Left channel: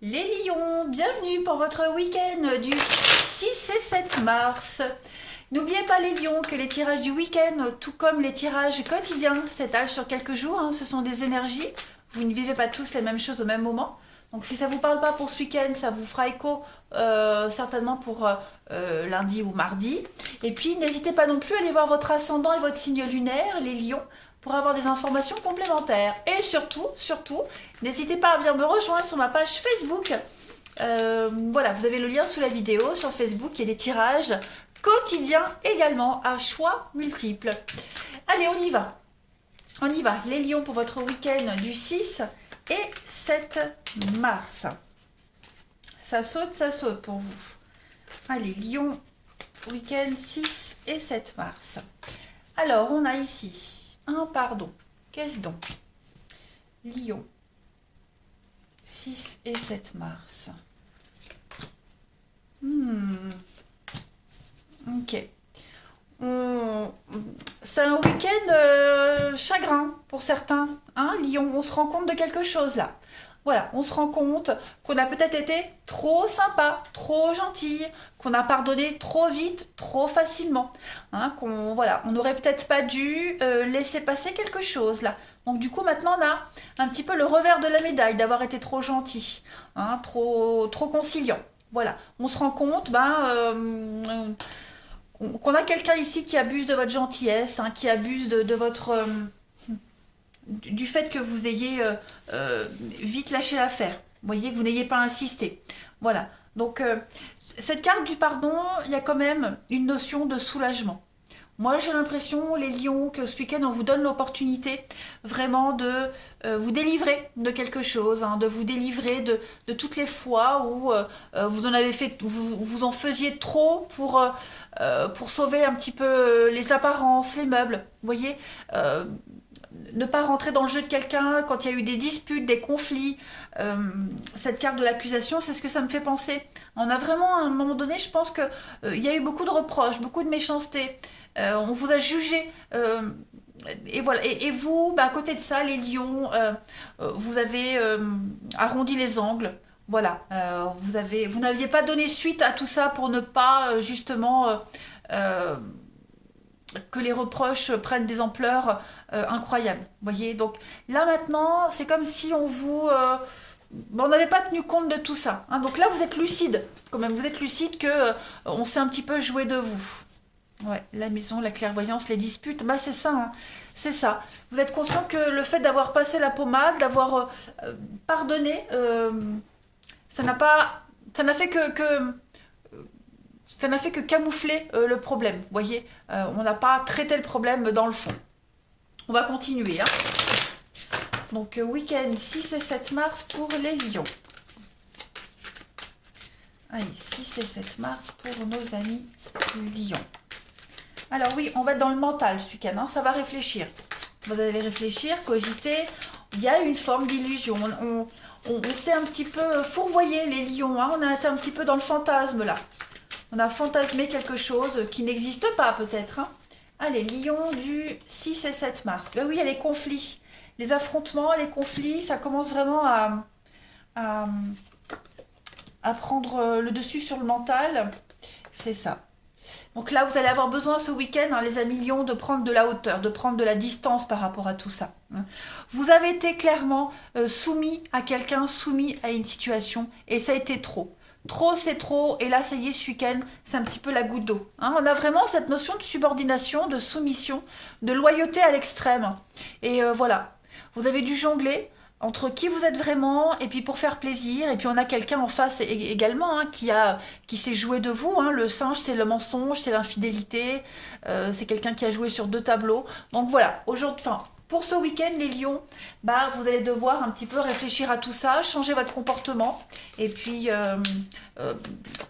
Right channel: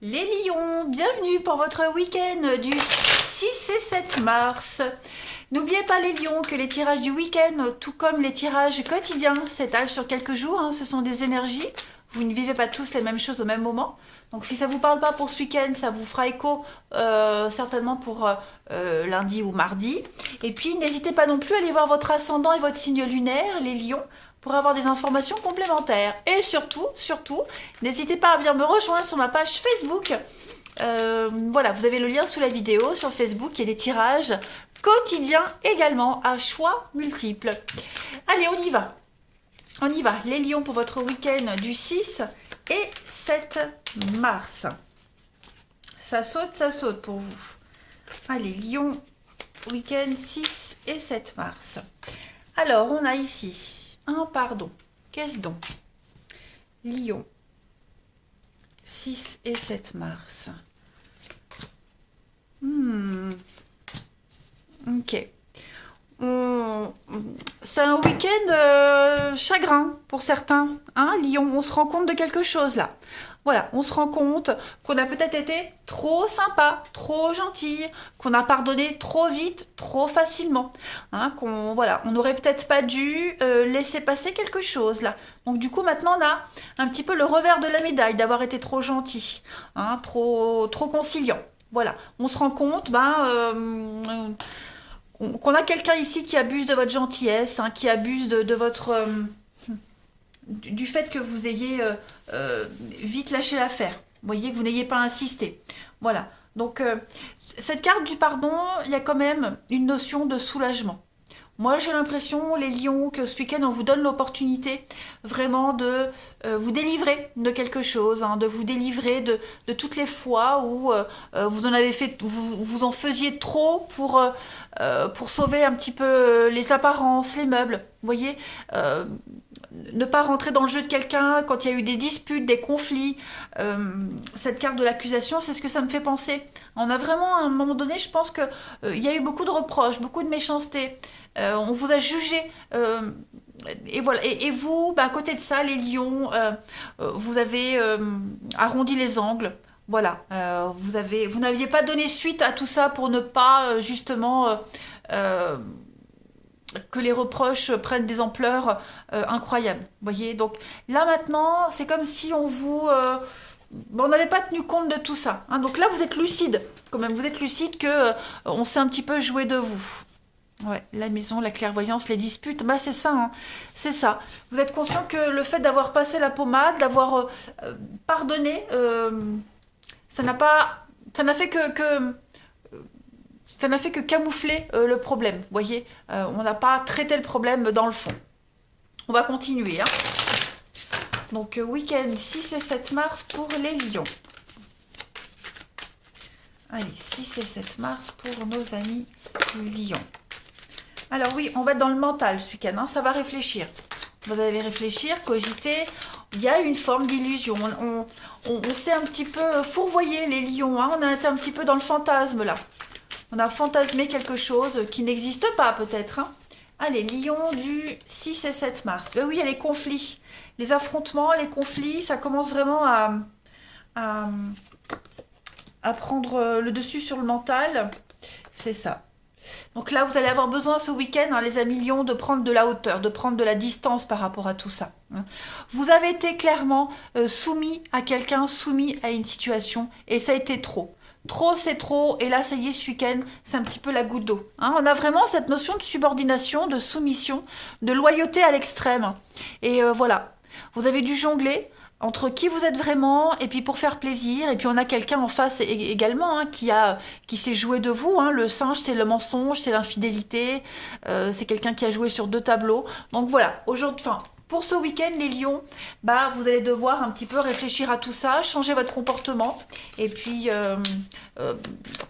Les lions, bienvenue pour votre week-end du 6 et 7 mars. N'oubliez pas les lions que les tirages du week-end, tout comme les tirages quotidiens, s'étalent sur quelques jours, ce sont des énergies. Vous ne vivez pas tous les mêmes choses au même moment. Donc si ça ne vous parle pas pour ce week-end, ça vous fera écho certainement pour lundi ou mardi. Et puis n'hésitez pas non plus à aller voir votre ascendant et votre signe lunaire, les lions, pour avoir des informations complémentaires. Et surtout, n'hésitez pas à bien me rejoindre sur ma page Facebook. Voilà, vous avez le lien sous la vidéo sur Facebook. Il y a des tirages quotidiens également à choix multiples. Allez, on y va. On y va. Les lions pour votre week-end du 6 et 7 mars. Ça saute pour vous. Allez, lions, week-end 6 et 7 mars. Alors, on a ici pardon. Qu'est-ce donc? Lion. 6 et 7 mars. Ok. C'est un week-end chagrin pour certains. Lion, on se rend compte de quelque chose là. Voilà, on se rend compte qu'on a peut-être été trop sympa, trop gentil, qu'on a pardonné trop vite, trop facilement. On n'aurait peut-être pas dû laisser passer quelque chose là. Donc du coup maintenant on a un petit peu le revers de la médaille d'avoir été trop gentil, trop conciliant. Voilà, on se rend compte qu'on a quelqu'un ici qui abuse de votre gentillesse, qui abuse de votre du fait que vous ayez vite lâché l'affaire. Vous voyez, que vous n'ayez pas insisté. Voilà. Donc, cette carte du pardon, il y a quand même une notion de soulagement. Moi, j'ai l'impression, les lions, que ce week-end, on vous donne l'opportunité vraiment de vous délivrer de quelque chose, de vous délivrer de toutes les fois où vous en avez fait, vous en faisiez trop pour sauver un petit peu les apparences, les meubles. Vous voyez, ne pas rentrer dans le jeu de quelqu'un quand il y a eu des disputes, des conflits. Cette carte de l'accusation, c'est ce que ça me fait penser. On a vraiment, à un moment donné, je pense que il y a eu beaucoup de reproches, beaucoup de méchanceté. On vous a jugé. Et voilà. Et vous, à côté de ça, les lions, vous avez arrondi les angles. Voilà. Vous n'aviez pas donné suite à tout ça pour ne pas justement que les reproches prennent des ampleurs incroyables. Vous voyez, donc là maintenant, c'est comme si on n'avait pas tenu compte de tout ça. Donc là, vous êtes lucide, quand même. Vous êtes lucide que on s'est un petit peu joué de vous. Ouais, la maison, la clairvoyance, les disputes, c'est ça, c'est ça. Vous êtes conscient que le fait d'avoir passé la pommade, d'avoir pardonné, ça n'a pas, ça n'a fait ça n'a fait que camoufler le problème. Vous voyez, on n'a pas traité le problème dans le fond. On va continuer. Donc, week-end 6 et 7 mars pour les lions. Allez, 6 et 7 mars pour nos amis lions. Alors oui, on va être dans le mental ce week-end, ça va réfléchir. Vous allez réfléchir, cogiter. Il y a une forme d'illusion. On s'est un petit peu fourvoyé les lions. On a été un petit peu dans le fantasme là. On a fantasmé quelque chose qui n'existe pas peut-être. Allez, lion du 6 et 7 mars. Oui, il y a les conflits. Les affrontements, les conflits, ça commence vraiment à prendre le dessus sur le mental. C'est ça. Donc là, vous allez avoir besoin ce week-end, les amis lions, de prendre de la hauteur, de prendre de la distance par rapport à tout ça. Vous avez été clairement soumis à quelqu'un, soumis à une situation, et ça a été trop. Trop, c'est trop, et là, ça y est, ce week-end, c'est un petit peu la goutte d'eau. On a vraiment cette notion de subordination, de soumission, de loyauté à l'extrême. Et voilà, vous avez dû jongler entre qui vous êtes vraiment et puis pour faire plaisir, et puis on a quelqu'un en face également qui s'est joué de vous. Le singe, c'est le mensonge, c'est l'infidélité, c'est quelqu'un qui a joué sur deux tableaux. Donc voilà, aujourd'hui, pour ce week-end, les lions, vous allez devoir un petit peu réfléchir à tout ça, changer votre comportement et puis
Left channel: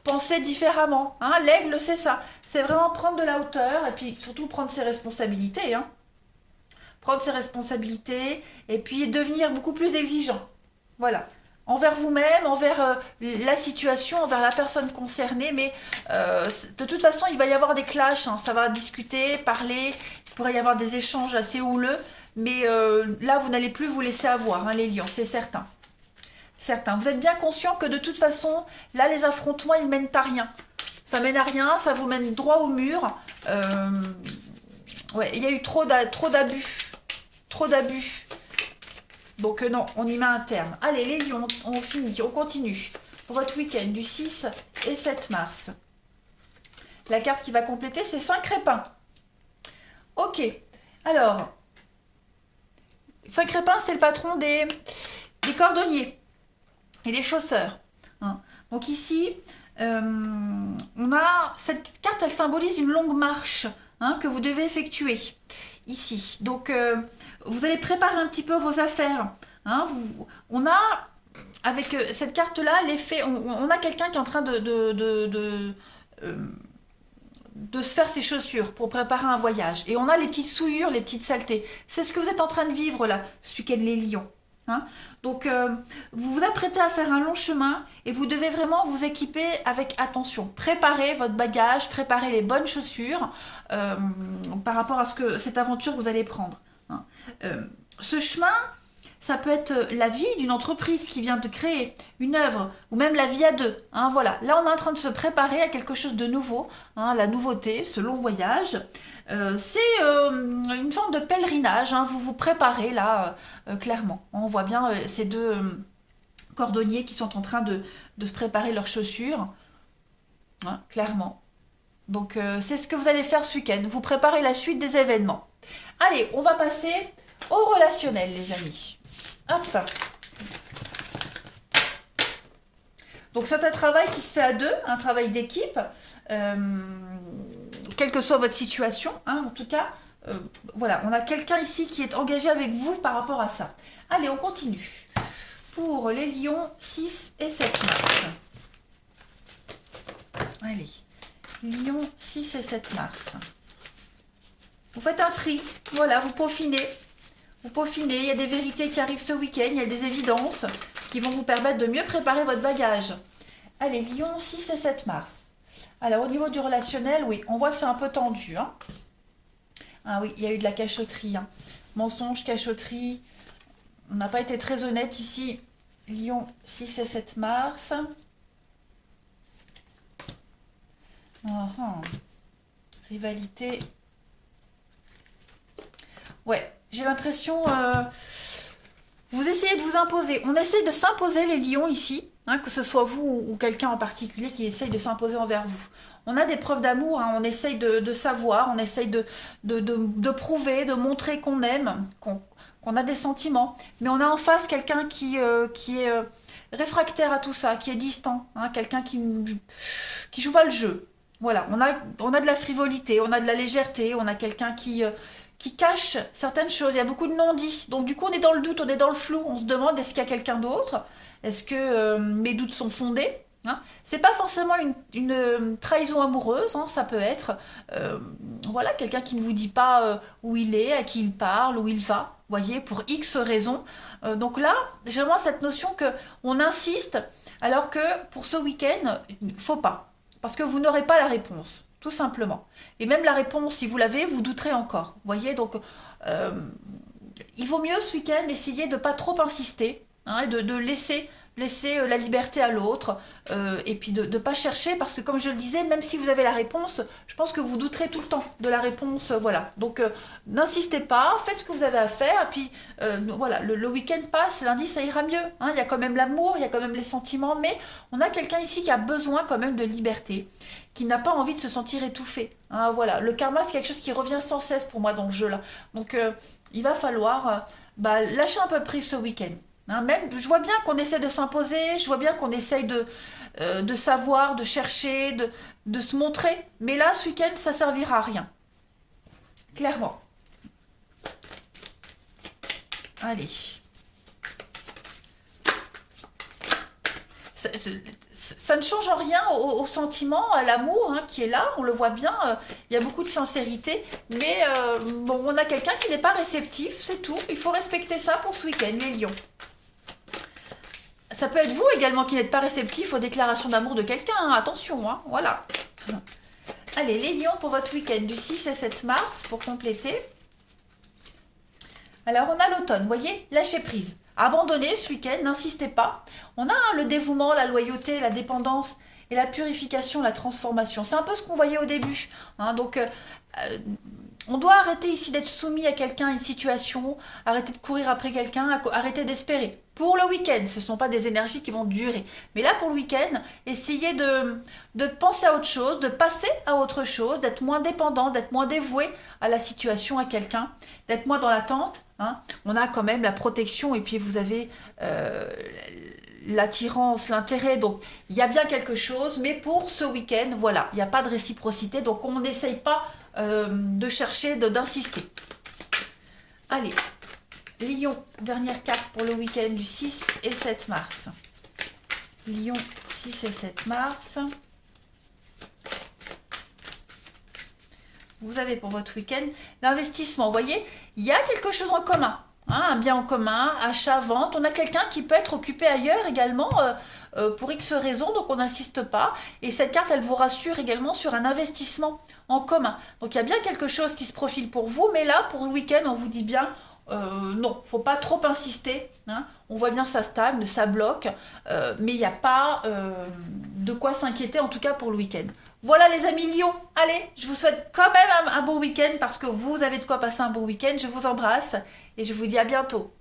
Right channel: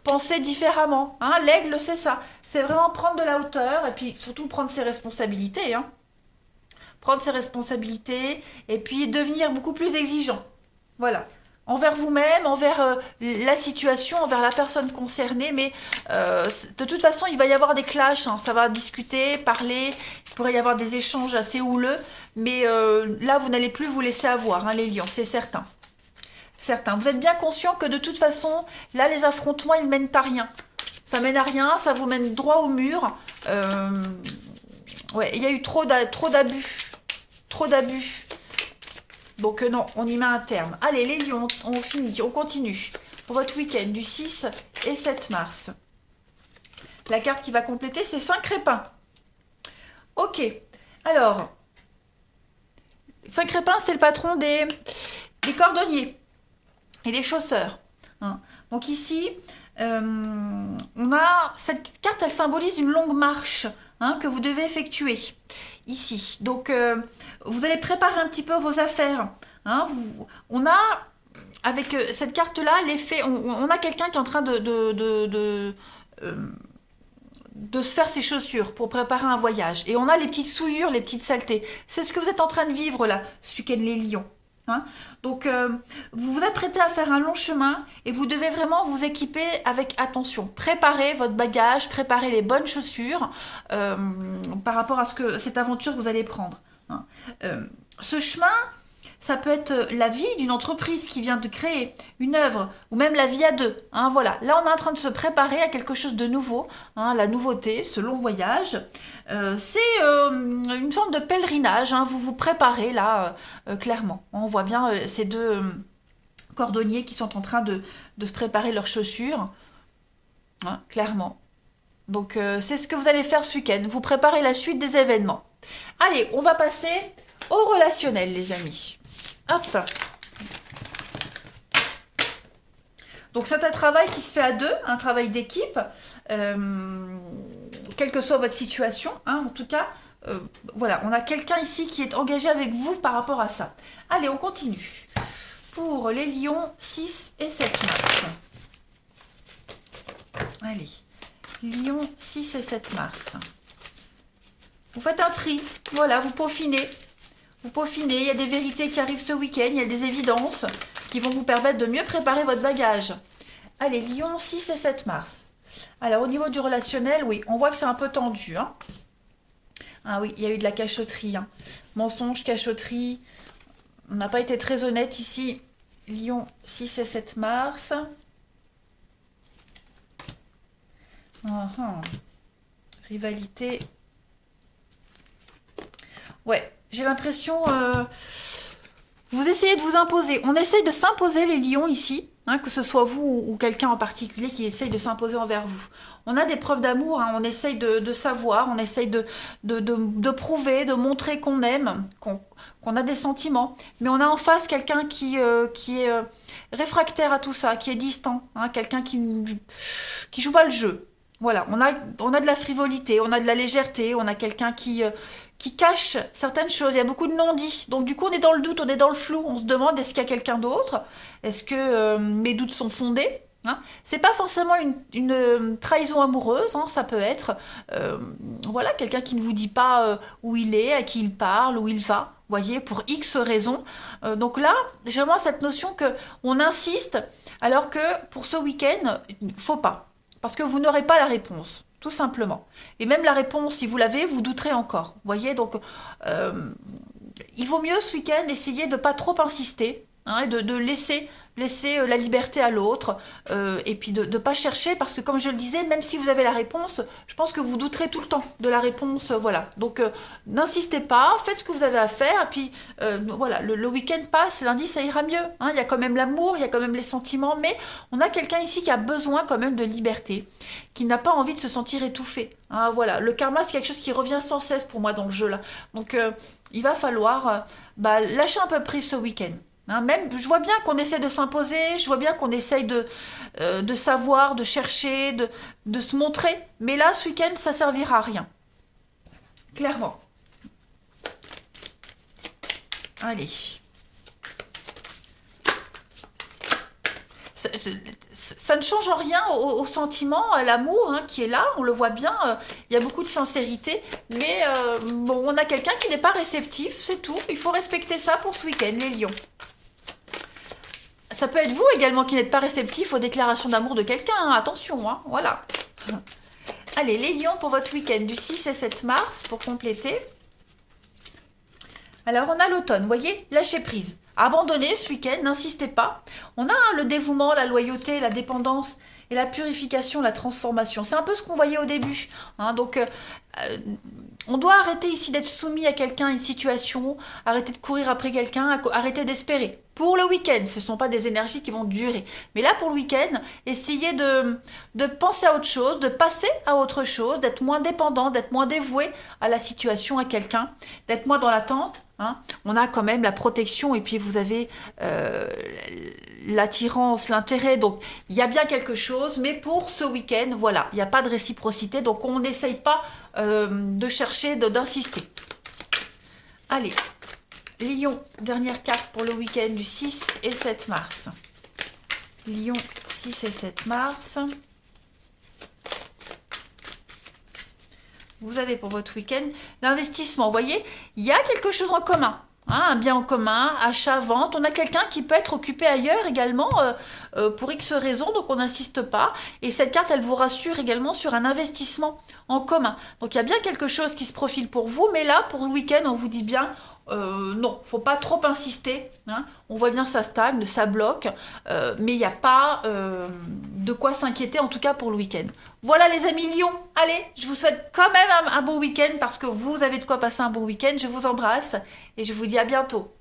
penser différemment. L'aigle, c'est ça, c'est vraiment prendre de la hauteur et puis surtout prendre ses responsabilités. Prendre ses responsabilités et puis devenir beaucoup plus exigeant. Voilà. Envers vous-même, envers la situation, envers la personne concernée, mais de toute façon, il va y avoir des clashs, ça va discuter, parler, il pourrait y avoir des échanges assez houleux, mais là, vous n'allez plus vous laisser avoir, les lions, c'est certain. certains. Vous êtes bien conscient que de toute façon, là, les affrontements, ils mènent à rien. Ça mène à rien, ça vous mène droit au mur. Ouais, il y a eu trop d'abus. Trop d'abus. Donc non, on y met un terme. Allez, les lions, on finit, on continue. Pour votre week-end du 6 et 7 mars. La carte qui va compléter, c'est 5 crépins. Ok, alors, 5 crépins, c'est le patron des cordonniers et des chausseurs. Hein. Donc ici, on a cette carte, elle symbolise une longue marche que vous devez effectuer ici. Donc, vous allez préparer un petit peu vos affaires. Hein. On a, avec cette carte-là, l'effet, on a quelqu'un qui est en train de se faire ses chaussures pour préparer un voyage. Et on a les petites souillures, les petites saletés. C'est ce que vous êtes en train de vivre là, ce week-end les lions. Hein. Donc, vous vous apprêtez à faire un long chemin et vous devez vraiment vous équiper avec attention. Préparez votre bagage, préparez les bonnes chaussures par rapport à cette aventure que vous allez prendre. Hein. Ce chemin, ça peut être la vie d'une entreprise qui vient de créer une œuvre, ou même la vie à deux. Hein, voilà. Là, on est en train de se préparer à quelque chose de nouveau. Hein, la nouveauté, ce long voyage, c'est une forme de pèlerinage. Hein, vous vous préparez là, clairement. On voit bien ces deux cordonniers qui sont en train de se préparer leurs chaussures. Hein, clairement. Donc, c'est ce que vous allez faire ce week-end. Vous préparez la suite des événements. Allez, on va passer au relationnel, les amis. Hop. Donc c'est un travail qui se fait à deux, un travail d'équipe, quelle que soit votre situation. Hein, en tout cas, voilà, on a quelqu'un ici qui est engagé avec vous par rapport à ça. Allez, on continue. Pour les lions 6 et 7 mars. Allez, lions 6 et 7 mars. Vous faites un tri, voilà, vous peaufinez. Vous peaufinez, il y a des vérités qui arrivent ce week-end, il y a des évidences qui vont vous permettre de mieux préparer votre bagage. Allez, Lion, 6 et 7 mars. Alors, au niveau du relationnel, oui, on voit que c'est un peu tendu. Hein. Ah oui, il y a eu de la cachotterie. Hein. Mensonge, cachotterie. On n'a pas été très honnête ici. Lion, 6 et 7 mars. Rivalité. Ouais. J'ai l'impression, vous essayez de vous imposer. On essaye de s'imposer les lions ici, hein, que ce soit vous ou quelqu'un en particulier qui essaye de s'imposer envers vous. On a des preuves d'amour, hein, on essaye de savoir, on essaye de prouver, de montrer qu'on aime, qu'on a des sentiments. Mais on a en face quelqu'un qui est réfractaire à tout ça, qui est distant, hein, quelqu'un qui joue pas le jeu. Voilà, on a de la frivolité, on a de la légèreté, on a quelqu'un qui cache certaines choses. Il y a beaucoup de non-dits. Donc du coup, on est dans le doute, on est dans le flou. On se demande, est-ce qu'il y a quelqu'un d'autre? Est-ce que mes doutes sont fondés? Hein, c'est pas forcément une trahison amoureuse. Hein, ça peut être voilà, quelqu'un qui ne vous dit pas où il est, à qui il parle, où il va. Voyez, pour X raisons. Donc là, j'ai vraiment cette notion que on insiste, alors que pour ce week-end, faut pas. Parce que vous n'aurez pas la réponse. Tout simplement. Et même la réponse, si vous l'avez, vous douterez encore. Vous voyez, donc il vaut mieux ce week-end essayer de ne pas trop insister, hein, de laisser la liberté à l'autre, et puis de ne pas chercher, parce que comme je le disais, même si vous avez la réponse, je pense que vous douterez tout le temps de la réponse, voilà. Donc n'insistez pas, faites ce que vous avez à faire, et puis voilà, le week-end passe, lundi ça ira mieux, hein, il y a quand même l'amour, il y a quand même les sentiments, mais on a quelqu'un ici qui a besoin quand même de liberté, qui n'a pas envie de se sentir étouffé, hein, voilà. Le karma, c'est quelque chose qui revient sans cesse pour moi dans le jeu là, donc il va falloir lâcher un peu prise ce week-end. Hein, même, je vois bien qu'on essaie de s'imposer, je vois bien qu'on essaye de savoir, de chercher, de se montrer. Mais là, ce week-end, ça servira à rien. Clairement. Allez. Ça ne change rien au sentiment, à l'amour hein, qui est là, on le voit bien, il y a beaucoup de sincérité, mais bon, on a quelqu'un qui n'est pas réceptif, c'est tout, il faut respecter ça pour ce week-end, les lions. Ça peut être vous également qui n'êtes pas réceptif aux déclarations d'amour de quelqu'un, hein, attention, hein, voilà. Allez, les lions pour votre week-end du 6 et 7 mars, pour compléter. Alors, on a l'automne, vous voyez, lâcher prise. abandonnez ce week-end, n'insistez pas. On a le dévouement, la loyauté, la dépendance et la purification, la transformation. C'est un peu ce qu'on voyait au début. Hein, donc, on doit arrêter ici d'être soumis à quelqu'un, à une situation, arrêter de courir après quelqu'un, arrêter d'espérer. Pour le week-end, ce ne sont pas des énergies qui vont durer. Mais là, pour le week-end, essayez de penser à autre chose, de passer à autre chose, d'être moins dépendant, d'être moins dévoué à la situation, à quelqu'un, d'être moins dans l'attente. Hein. On a quand même la protection et puis vous avez l'attirance, l'intérêt. Donc, il y a bien quelque chose. Mais pour ce week-end, voilà, il n'y a pas de réciprocité. Donc, on n'essaye pas de chercher, d'insister. Allez, Lion, dernière carte pour le week-end du 6 et 7 mars. Lion, 6 et 7 mars. Vous avez pour votre week-end l'investissement. Vous voyez, il y a quelque chose en commun. Hein, un bien en commun, achat, vente. On a quelqu'un qui peut être occupé ailleurs également pour X raisons, donc on n'insiste pas. Et cette carte, elle vous rassure également sur un investissement en commun. Donc il y a bien quelque chose qui se profile pour vous, mais là, pour le week-end, on vous dit bien, non, faut pas trop insister. Hein. On voit bien ça stagne, ça bloque, mais il n'y a pas de quoi s'inquiéter, en tout cas pour le week-end. Voilà les amis Lion, allez, je vous souhaite quand même un bon week-end parce que vous avez de quoi passer un bon week-end. Je vous embrasse et je vous dis à bientôt.